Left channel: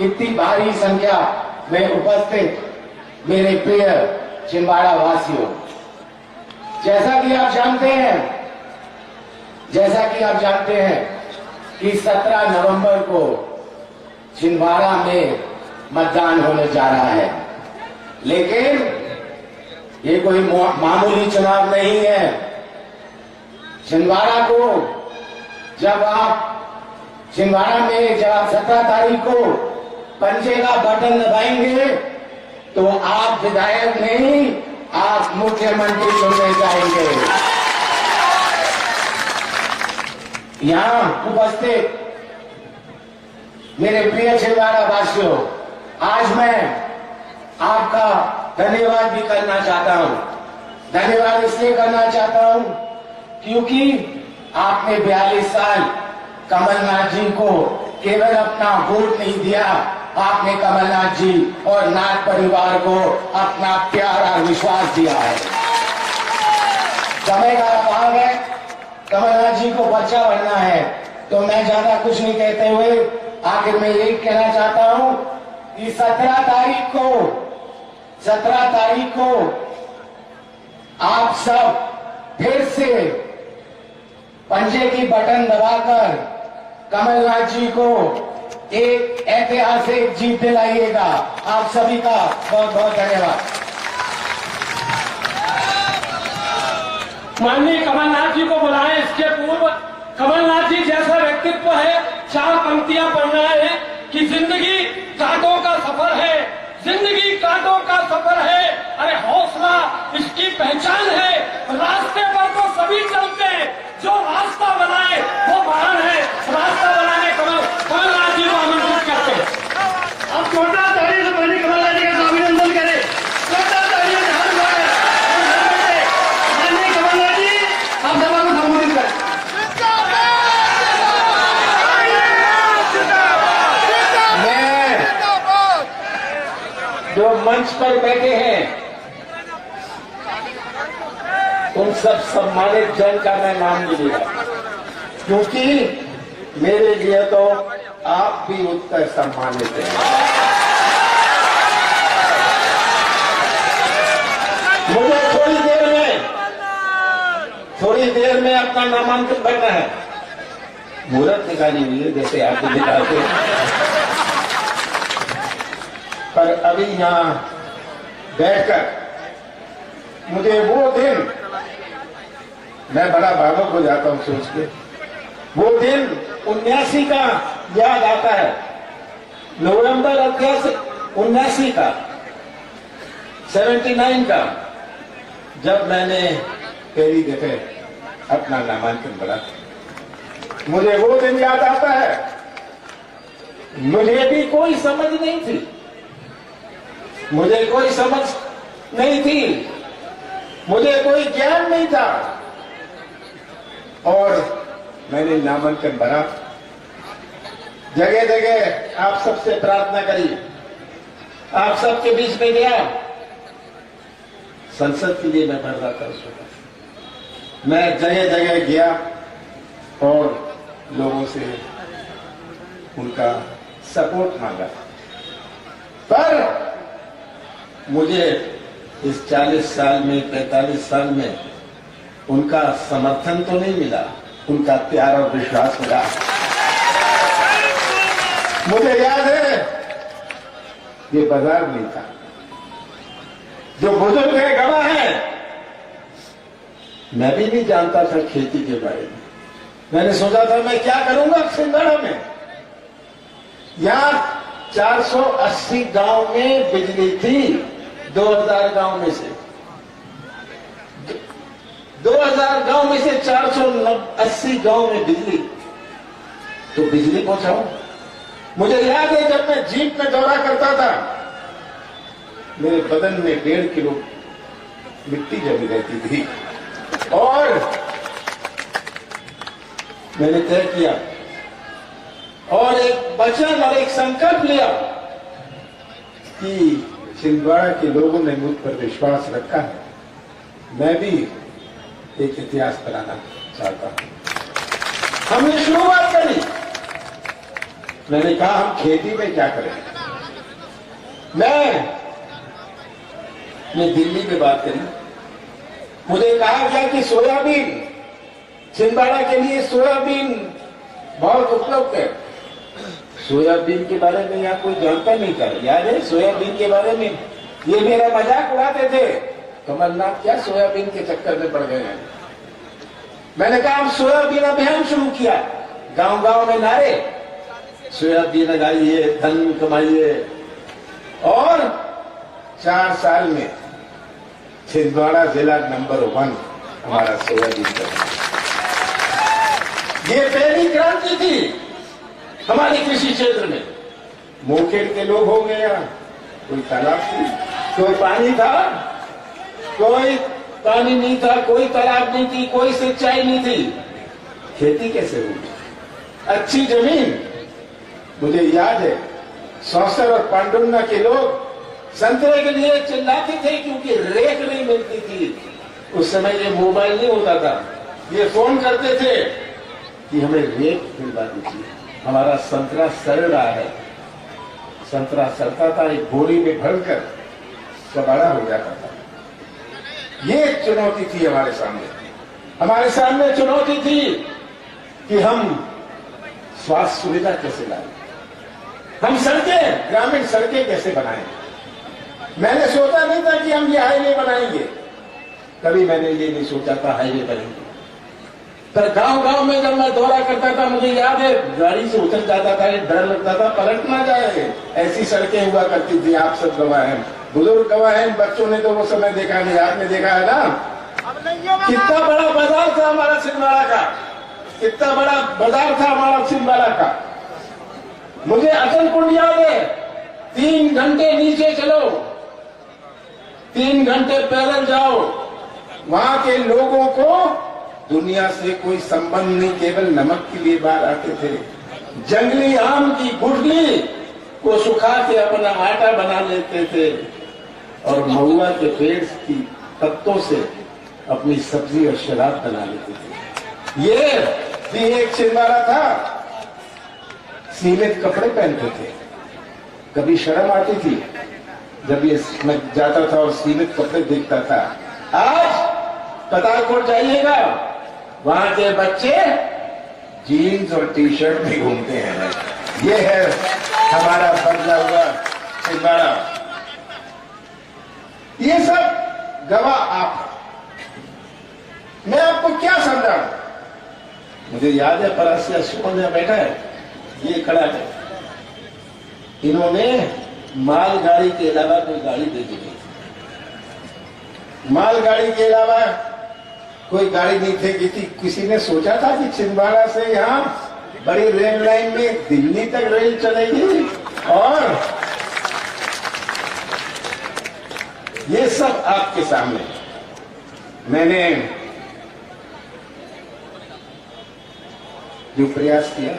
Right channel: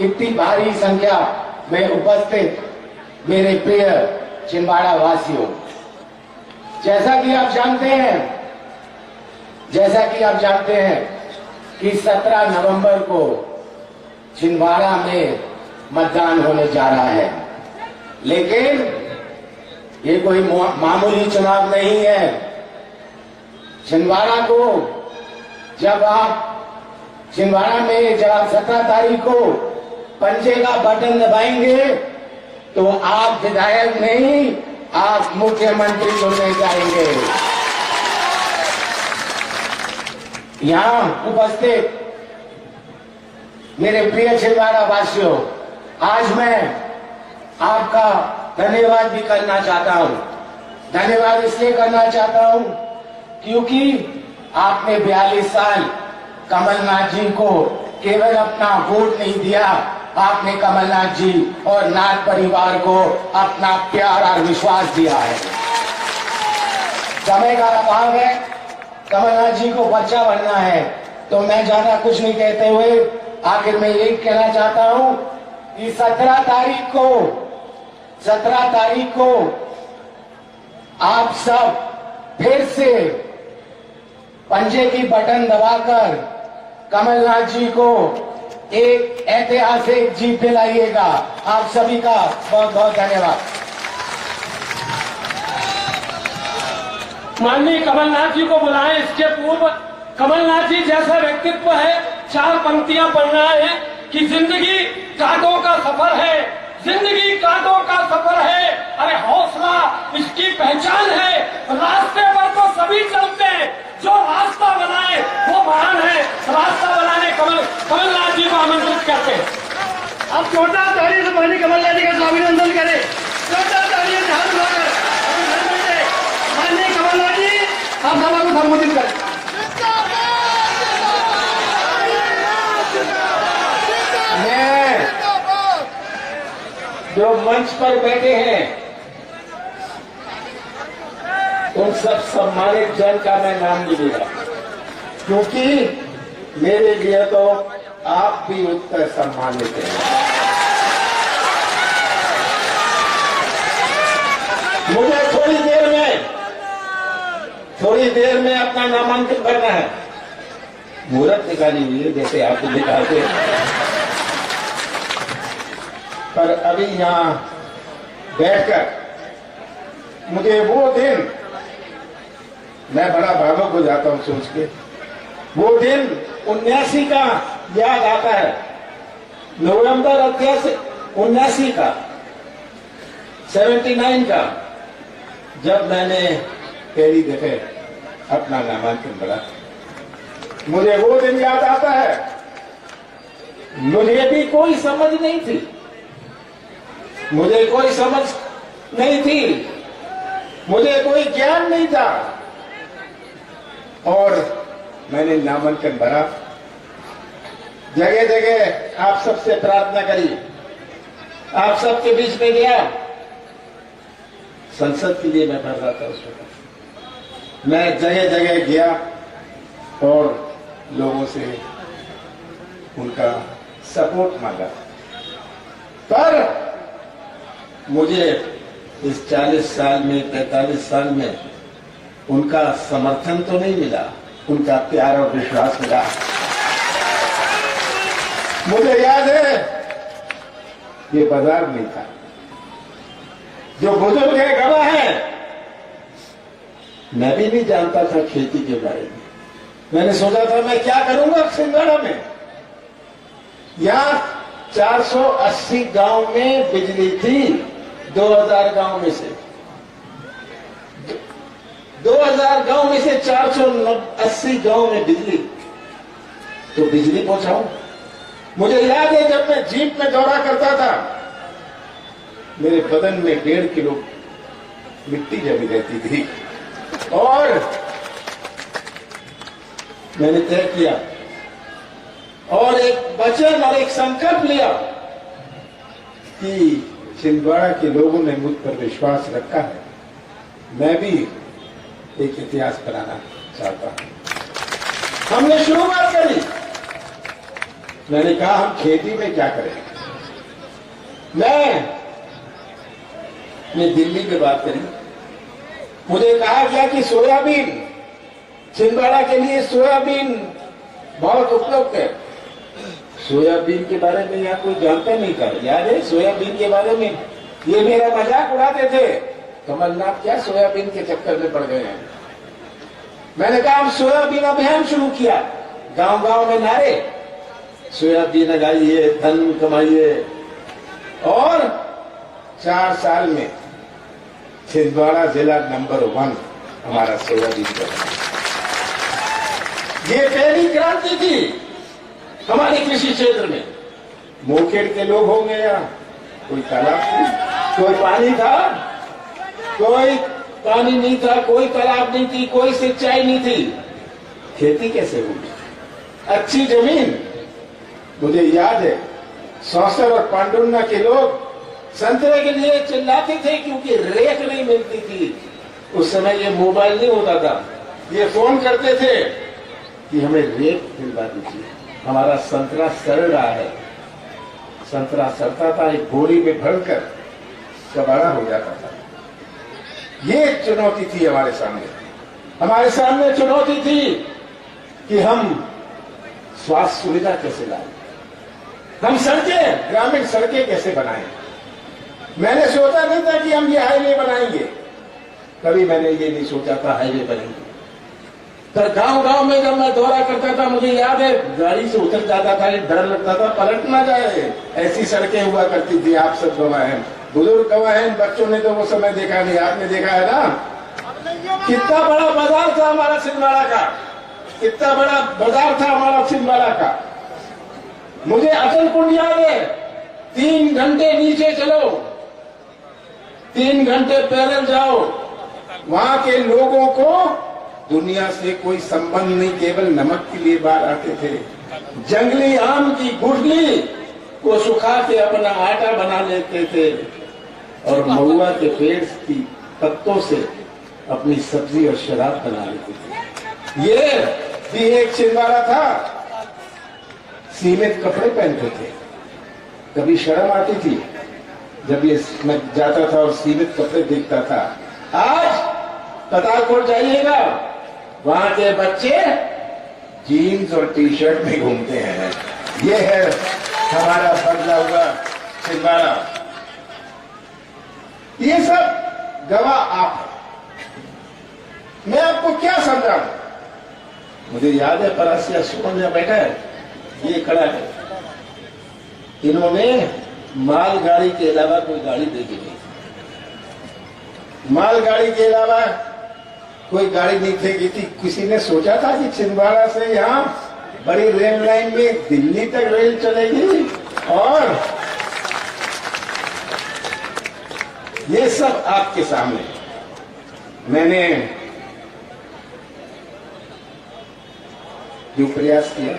इतनी भारी संख्या में उपस्थित मेरे प्रिय छिंदवाड़ा वासियों, जैसा कि आप जानते हैं कि 17 नवंबर को छिंदवाड़ा में मतदान होने जा रहा है, लेकिन ये कोई मामूली चुनाव नहीं है। छिंदवाड़ा को जब आप 17 तारीख को पंजे का बटन दबाएंगे तो आप विधायक नहीं, आप मुख्यमंत्री चुनने जाएंगे। यहां उपस्थित मेरे प्रिय छिंदवाड़ा वासियों, आज मैं आपका धन्यवाद भी करना चाहता हूं। धन्यवाद इसलिए करना चाहता हूं क्योंकि आपने 42 साल कमलनाथ जी को केवल अपना वोट नहीं दिया, आपने कमलनाथ जी और नाथ परिवार को अपना प्यार और विश्वास दिया है। समय का अभाव है, कमलनाथ जी को पर्चा भरना है, तो मैं ज्यादा कुछ नहीं कहते हुए आखिर में यही कहना चाहता हूं कि 17 तारीख को आप सब फिर से पंजे की बटन दबाकर कमलनाथ जी को एक ऐतिहासिक जीत दिलाइएगा। आप सभी का बहुत बहुत धन्यवाद। माननीय कमलनाथ जी को बुलाएं। इसके पूर्व कमलनाथ जी जैसा व्यक्तित्व है, 4 पंक्तियां पढ़ना है कि जिंदगी कांटों का सफर है, जिंदगी कांटों का सफर है, अरे हौसला इसकी पहचान है, रास्ते पर तो सभी चलते हैं, जो रास्ता बनाए वो महान है। रास्ता बनाने कमलनाथ जी को आमंत्रित करते हैं। अब जोरदार ताली से पहले कमलनाथ जी का अभिनंदन करें। जोरदार ताली से हाथ उठाकर माननीय कमलनाथ जी आप सभा को संबोधित करें। मैं जो मंच पर बैठे हैं उन सब सम्मानित जन का मैं नाम नहीं लेगा, क्योंकि मेरे लिए तो आप भी उत्तर सम्मानित हैं। मुझे थोड़ी देर में अपना नामांकन करना है। मुहूर्त निकाली हुई है जैसे आपको दिखाते, पर अभी यहां बैठकर मुझे वो दिन, मैं बड़ा भावुक हो जाता हूं सोच के, वो दिन 79 का याद आता है। नवंबर 79 का, 79 का, जब मैंने पहली दफे अपना नामांकन भरा। मुझे वो दिन याद आता है। मुझे भी कोई समझ नहीं थी, मुझे कोई समझ नहीं थी, मुझे कोई ज्ञान नहीं था, और मैंने नामांकन भरा। जगह जगह आप सबसे प्रार्थना करी, आप सबके बीच में गया। संसद के लिए मैं भर रहा था उस वक्त। मैं जगह जगह गया और लोगों से उनका सपोर्ट मांगा, पर मुझे इस 40 साल में, 45 साल में उनका समर्थन तो नहीं मिला, उनका प्यार और विश्वास मिला। मुझे याद है ये बाजार नहीं था। जो बुजुर्ग है, गवाह है, मैं भी नहीं जानता था खेती के बारे में। मैंने सोचा था मैं क्या करूंगा छिंदवाड़ा में। यहां 480 गांव में बिजली थी, 2000 गांव में से 2000 गांव में से 480 गांव में बिजली, तो बिजली पहुंचाओ। मुझे याद है जब मैं जीप में दौरा करता था, मेरे बदन में 1.5 किलो मिट्टी जमी रहती थी, और मैंने तय किया और एक वचन और एक संकल्प लिया कि छिंदवाड़ा के लोगों ने मुझ पर विश्वास रखा है, मैं भी एक इतिहास बनाना चाहता हूं। हमने शुरुआत करी, मैंने कहा हम खेती में क्या करें। मैं दिल्ली में बात करी, मुझे कहा गया कि सोयाबीन, छिंदवाड़ा के लिए सोयाबीन बहुत उपलब्ध है। सोयाबीन के बारे में यहाँ कोई जानता नहीं था, याद है सोयाबीन के बारे में ये मेरा मजाक उड़ाते थे, कमलनाथ क्या सोयाबीन के चक्कर में पड़ गए हैं। मैंने कहा हम सोयाबीन अभियान शुरू किया, गांव गांव में नारे, सोयाबीन लगाइए, धन कमाइए, और 4 साल में छिंदवाड़ा जिला नंबर 1 हमारा सोयाबीन का। ये पहली क्रांति थी हमारे कृषि क्षेत्र में। मोकेड़ के लोग हो गए, कोई तालाब नहीं, कोई पानी था, कोई पानी नहीं था, कोई तालाब नहीं थी, कोई सिंचाई नहीं थी, खेती कैसे हुई? अच्छी जमीन। मुझे याद है सौसर और पांडुन्ना के लोग संतरे के लिए चिल्लाते थे क्योंकि रेत नहीं मिलती थी। उस समय ये मोबाइल नहीं होता था, ये फोन करते थे कि हमें रेत मिलवा दीजिए, हमारा संतरा सड़ रहा है। संतरा सड़ता था, एक बोरी में भरकर कबाड़ा हो जाता था। ये चुनौती थी हमारे सामने। हमारे सामने चुनौती थी कि हम स्वास्थ्य सुविधा कैसे लाएं, हम सड़कें, ग्रामीण सड़कें कैसे बनाएं। मैंने सोचा नहीं था कि हम ये हाईवे बनाएंगे, कभी मैंने ये नहीं सोचा था हाईवे बनेंगे। पर गांव गांव में जब मैं दौरा करता था, मुझे याद है गाड़ी से उतर जाता था, डर लगता था पलट ना जाए, ऐसी सड़कें हुआ करती थी। आप सब गवाह हैं, बुजुर्ग गवाह हैं, बच्चों ने तो वो समय देखा नहीं, आपने देखा है ना। कितना बड़ा बाजार था हमारा छिंदवाड़ा का, कितना बड़ा बाजार था हमारा छिंदवाड़ा का। मुझे अटल कुंड याद है, 3 घंटे नीचे चलो, 3 घंटे पैदल जाओ, वहां के लोगों को दुनिया से कोई संबंध नहीं, केवल नमक के लिए बाहर आते थे। जंगली आम की गुठली को सुखा के अपना आटा बना लेते थे और महुआ के पेड़ की पत्तों से अपनी सब्जी और शराब बना लेते थे। ये भी एक छिंदवाड़ा था। सीमित कपड़े पहनते थे, कभी शर्म आती थी जब ये मैं जाता था और सीमित कपड़े देखता था। आज पतालकोट जाइएगा, वहां के बच्चे जीन्स और टी शर्ट में घूमते हैं। ये है हमारा बदला हुआ छिंदवाड़ा। ये सब गवाह आप हैं। मैं आपको क्या समझाऊं? मुझे याद है परासिया सुमन में बैठा है, ये खड़ा है, इन्होंने मालगाड़ी के अलावा कोई गाड़ी देखी नहीं, मालगाड़ी के अलावा कोई गाड़ी नहीं फेंकी थी। किसी ने सोचा था कि छिंदवाड़ा से यहां बड़ी रेल लाइन में दिल्ली तक रेल चलेगी? और ये सब आपके सामने। मैंने जो प्रयास किया,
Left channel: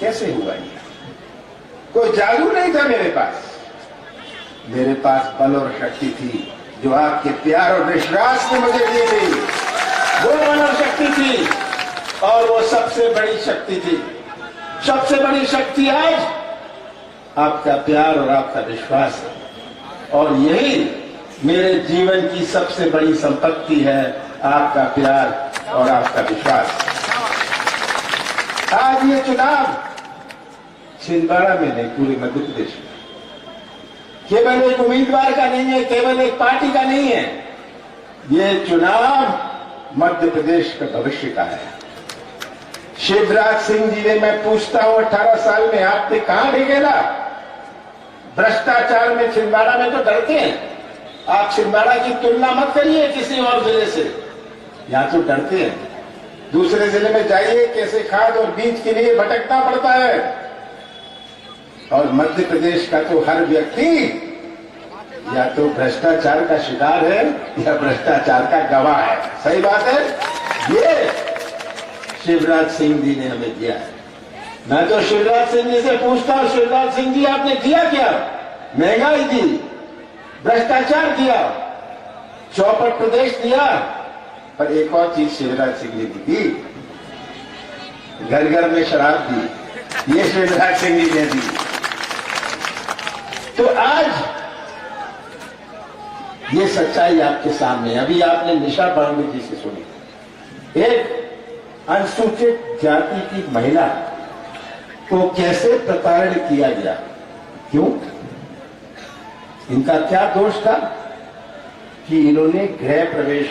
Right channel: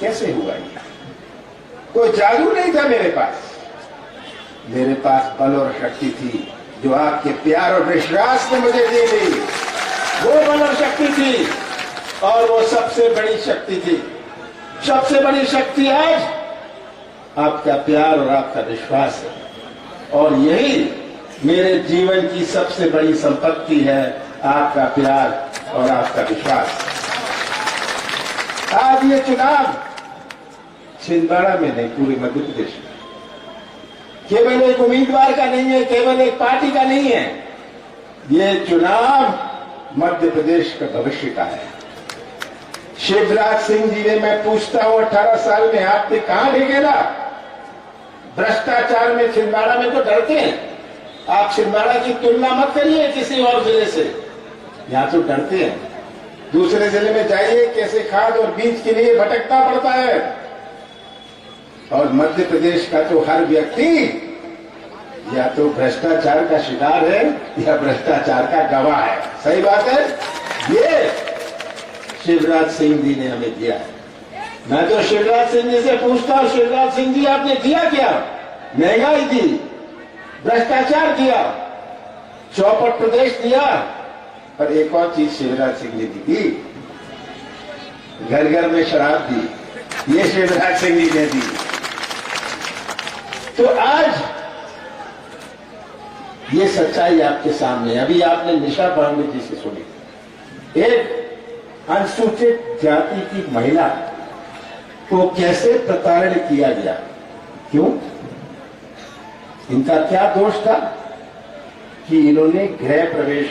कैसे हुआ ये? कोई जादू नहीं था मेरे पास बल और शक्ति थी जो आपके प्यार और विश्वास ने मुझे दी गई। वो बल और शक्ति थी, और वो सबसे बड़ी शक्ति थी। सबसे बड़ी शक्ति आज आपका प्यार और आपका विश्वास है, और यही मेरे जीवन की सबसे बड़ी संपत्ति है, आपका प्यार और आपका विश्वास। आज ये चुनाव छिंदवाड़ा में नहीं, पूरे मध्य प्रदेश में केवल एक उम्मीदवार का नहीं है, केवल एक पार्टी का नहीं है। ये चुनाव मध्य प्रदेश का भविष्य का है। शिवराज सिंह जी ने, मैं पूछता हूं, 18 साल में आपने कहां ढकेला? भ्रष्टाचार में छिंदवाड़ा में तो डरते हैं। आप छिंदवाड़ा की तुलना मत करिए किसी और जिले से, यहां तो डरते हैं। दूसरे जिले में जाइए, कैसे खाद और बीज के लिए भटकना पड़ता है। और मध्य प्रदेश का तो हर व्यक्ति या तो भ्रष्टाचार का शिकार है या भ्रष्टाचार का गवाह है। सही बात है। ये शिवराज सिंह जी ने हमें दिया है। मैं तो शिवराज सिंह जी से पूछता हूं, शिवराज सिंह जी आपने दिया क्या? महंगाई दी, भ्रष्टाचार दिया, चौपट प्रदेश दिया, पर एक और चीज शिवराज सिंह जी की दी, घर घर में शराब दी, ये शिवराज सिंह जी ने दी। तो आज ये सच्चाई आपके सामने। अभी आपने निशा पांडे जी से सुनी, एक अनुसूचित जाति की महिला को कैसे प्रताड़ित किया गया। क्यों? इनका क्या दोष था कि इन्होंने गृह प्रवेश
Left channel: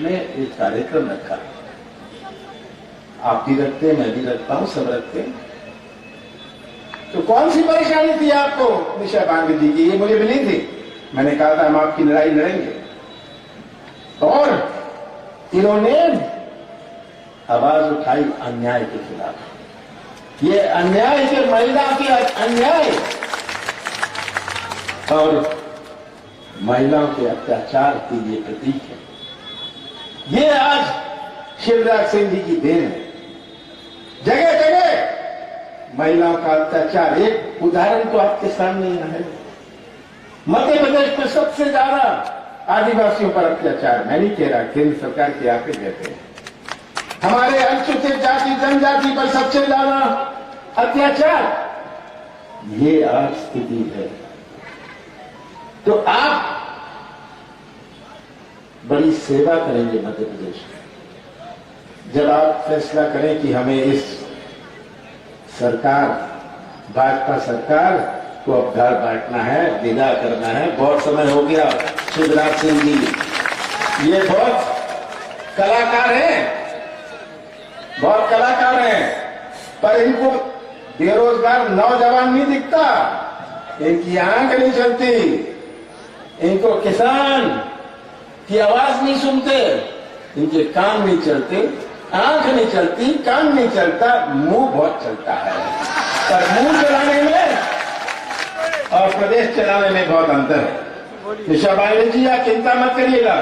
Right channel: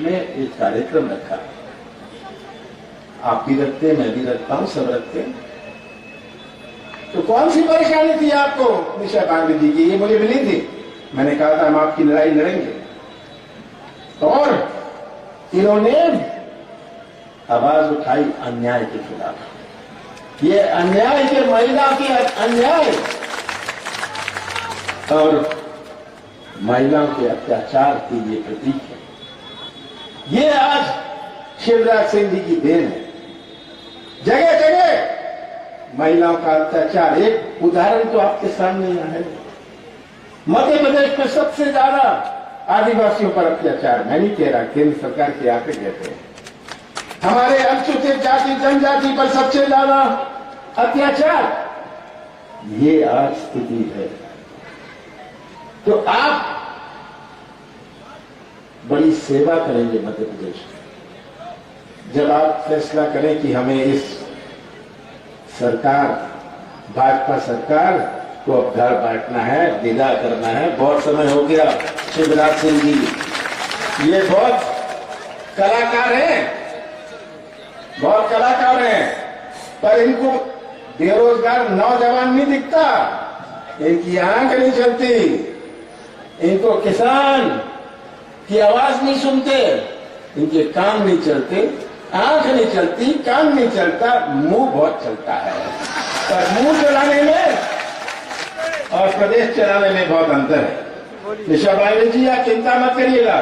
में एक कार्यक्रम रखा। आप भी रखते हैं, मैं भी रखता हूं, सब रखते हैं। तो कौन सी परेशानी थी आपको निशा पांडे जी की? ये मुझे मिली थी, मैंने कहा था हम आपकी लड़ाई लड़ेंगे। और इन्होंने आवाज उठाई अन्याय के खिलाफ। ये अन्याय के महिला के अन्याय और महिलाओं के अत्याचार की ये प्रतीक है। ये आज शिवराज सिंह जी की देन है। जगह जगह महिलाओं का अत्याचार, एक उदाहरण तो आपके सामने यहाँ है। मध्य प्रदेश में सबसे ज्यादा आदिवासियों पर अत्याचार, मैं नहीं कह रहा, केंद्र सरकार के आंकड़े कहते हैं। हमारे अनुसूचित जाति जनजाति पर सबसे ज्यादा अत्याचार, ये आज स्थिति है। तो आप बड़ी सेवा करेंगे मध्य प्रदेश में जब आप फैसला करें कि हमें इस सरकार, भाजपा सरकार को अब घर बांटना है, विदा करना है। बहुत समय हो गया। शिवराज सिंह जी ये बहुत कलाकार हैं, बहुत कलाकार हैं, पर इनको बेरोजगार नौजवान नहीं दिखता, इनकी आंख नहीं चलती, इनको किसान की आवाज नहीं सुनते, इनके कान नहीं चलते, आंख नहीं चलती, कान नहीं चलता, मुंह बहुत चलता है। पर मुंह चलाने में और प्रदेश चलाने में बहुत अंतर है। निशा पांडे जी आप चिंता मत करिएगा,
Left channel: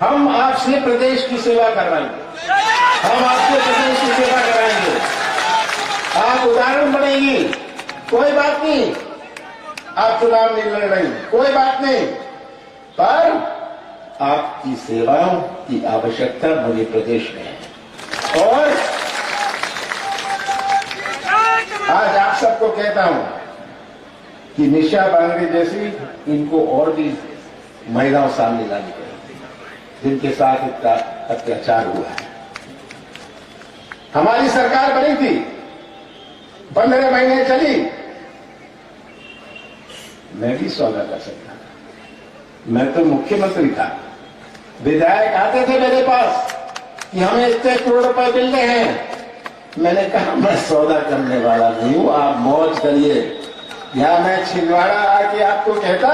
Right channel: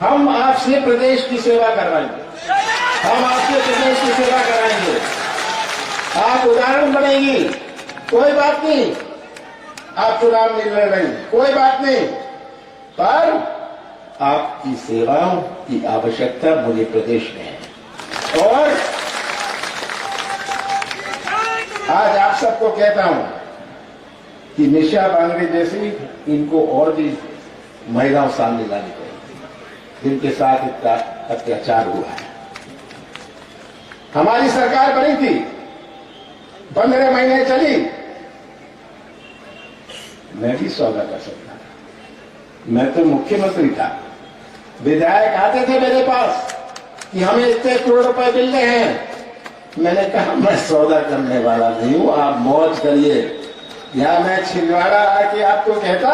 हम आपसे प्रदेश की सेवा करवाएंगे, हम आपसे प्रदेश की सेवा कराएंगे। आप उदाहरण बनेगी, कोई बात नहीं, आप चुनाव नहीं लड़ रही, कोई बात नहीं, पर आपकी सेवाओं की आवश्यकता मुझे प्रदेश में है। और आज आप सबको कहता हूं कि निशा पांडे जैसी इनको और भी महिलाओं सामने लानी चाहिए जिनके साथ इतना अत्याचार हुआ है। हमारी सरकार बनी थी, 15 महीने चली, मैं भी सौदा कर सकता था। मैं तो मुख्यमंत्री था, विधायक आते थे मेरे पास कि हमें इतने करोड़ रुपए मिल रहे हैं। मैंने कहा मैं सौदा करने वाला नहीं हूं, आप मौज करिए। या मैं छिंदवाड़ा आके आपको कहता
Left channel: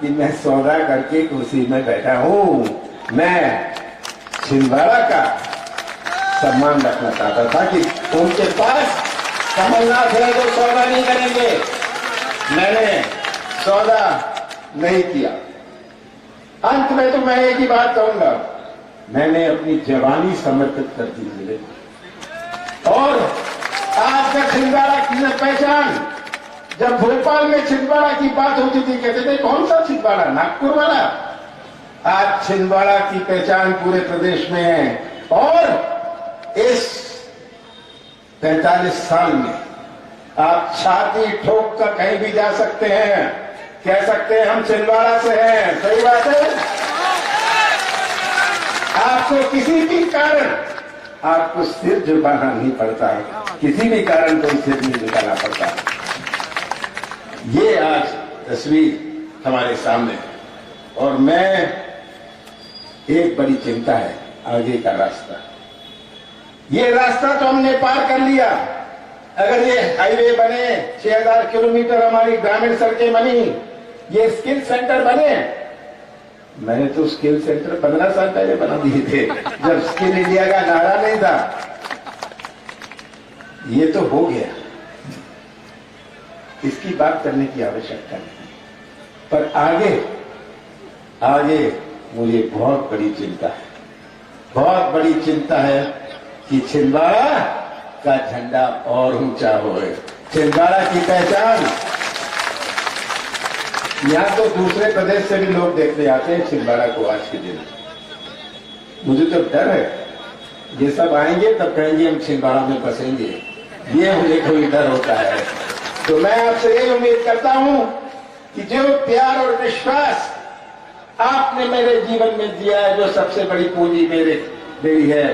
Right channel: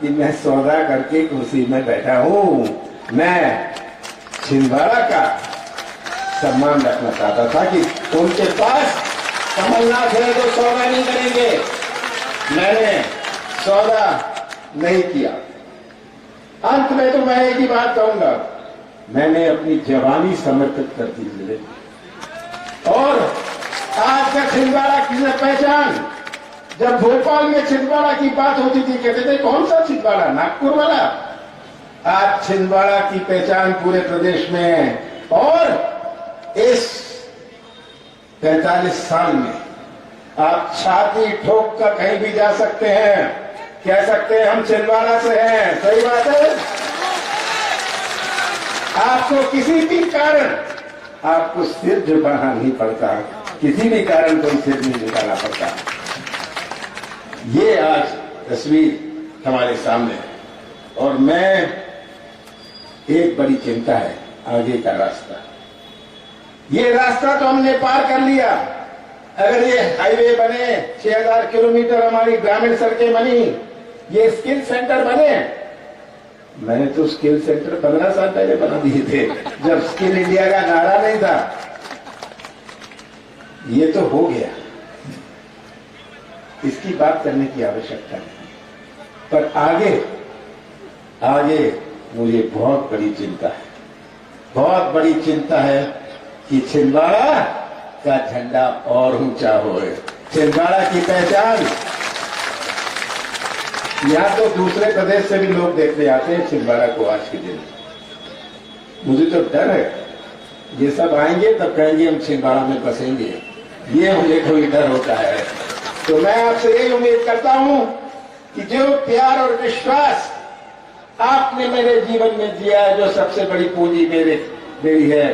कि मैं सौदा करके कुर्सी में बैठा हूं। मैं छिंदवाड़ा का सम्मान रखना चाहता था कि उनके पास कमलनाथ है तो सौदा नहीं करेंगे। मैंने सौदा नहीं किया। अंत में तो मैं एक ही बात कहूंगा, मैंने अपनी जवानी समर्पित कर दी जिले और आज तक छिंदवाड़ा की पहचान, जब भोपाल में छिंदवाड़ा की बात होती थी कहते थे कौन सा छिंदवाड़ा, नागपुर वाला। आज छिंदवाड़ा की पहचान पूरे प्रदेश में है। और इस 45 साल में आप छाती ठोक कर कहीं भी जा सकते हैं, कह सकते हैं हम छिंदवाड़ा से हैं। सही बात है। आपको किसी भी कारण आपको सिर झुकाना नहीं पड़ता, किसी भी कारण कोई सिर नहीं झुकाना पड़ता। ये आज तस्वीर हमारे सामने है और मैं एक बड़ी चिंता है आगे का रास्ता। ये रास्ता तो हमने पार कर लिया। अगर ये हाईवे बने, 6000 किलोमीटर हमारी ग्रामीण सड़कें बनी, ये स्किल सेंटर बने। मैंने तो स्किल सेंटर 15 साल पहले बना दिए थे, जब स्किल इंडिया का नारा नहीं था। ये तो हो गया, इसकी बात करने की आवश्यकता नहीं। पर आगे मुझे बहुत बड़ी चिंता है, बहुत बड़ी चिंता है कि छिंदवाड़ा का झंडा और ऊंचा होए। छिंदवाड़ा की पहचान, यहां तो दूसरे प्रदेश से भी लोग देखने आते हैं छिंदवाड़ा को आज के दिन। मुझे तो डर है ये सब आएंगे तब कहेंगे हम छिंदवाड़ा में बसेंगे, ये मुझे कोई डर होता है। तो मैं आपसे यही उम्मीद करता हूं कि जो प्यार और विश्वास आपने मेरे जीवन में दिया है, जो सबसे बड़ी पूंजी मेरी है,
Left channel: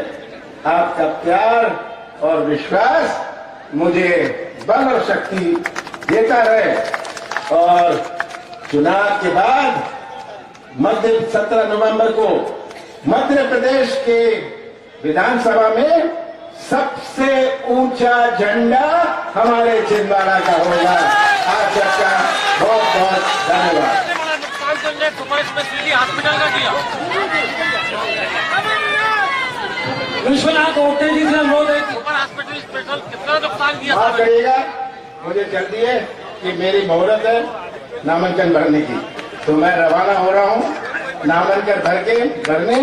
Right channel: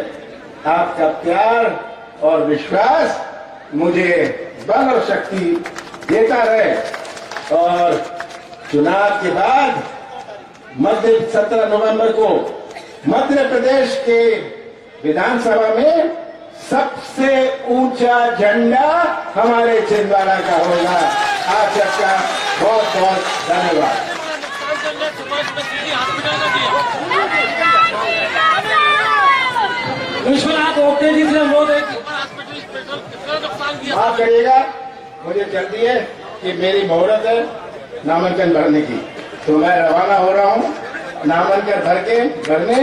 आपका प्यार और विश्वास मुझे बल और शक्ति देता रहे। और चुनाव के बाद 17 नवंबर को मध्य प्रदेश के विधानसभा में सबसे ऊंचा झंडा हमारे छिंदवाड़ा का होगा। आप सबका बहुत बहुत धन्यवाद। विश्वनाथ ओटे जी से मोदी माफ करिएगा, मुझे जल्दी है कि मेरी मुहूर्त है नामांकन भरने की, तो मैं रवाना हो रहा हूँ नामांकन भर के भरने।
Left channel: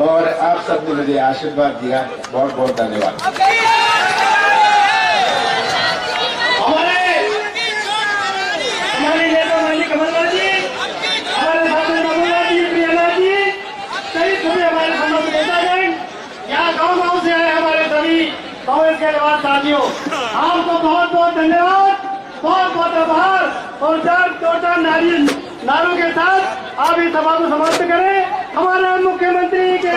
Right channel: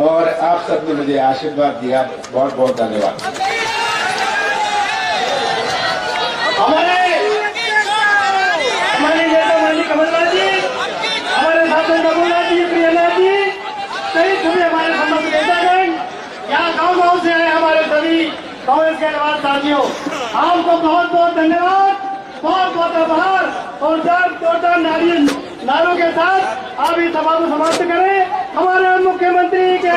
और आप सबने मुझे आशीर्वाद दिया, बहुत बहुत धन्यवाद। हमारे नेता माननीय कमलनाथ जी, हमारे साथी रघुनाथ जी, प्रियनाथ जी, सभी सभी हमारे समस्त नेतागण, यहाँ गांव से आए हमारे सभी कांग्रेस के नवाज साथियों, आपको बहुत बहुत धन्यवाद, बहुत बहुत आभार। और दो चार नारों के साथ आप इस सभा को समाप्त करें। हमारे मुख्यमंत्री के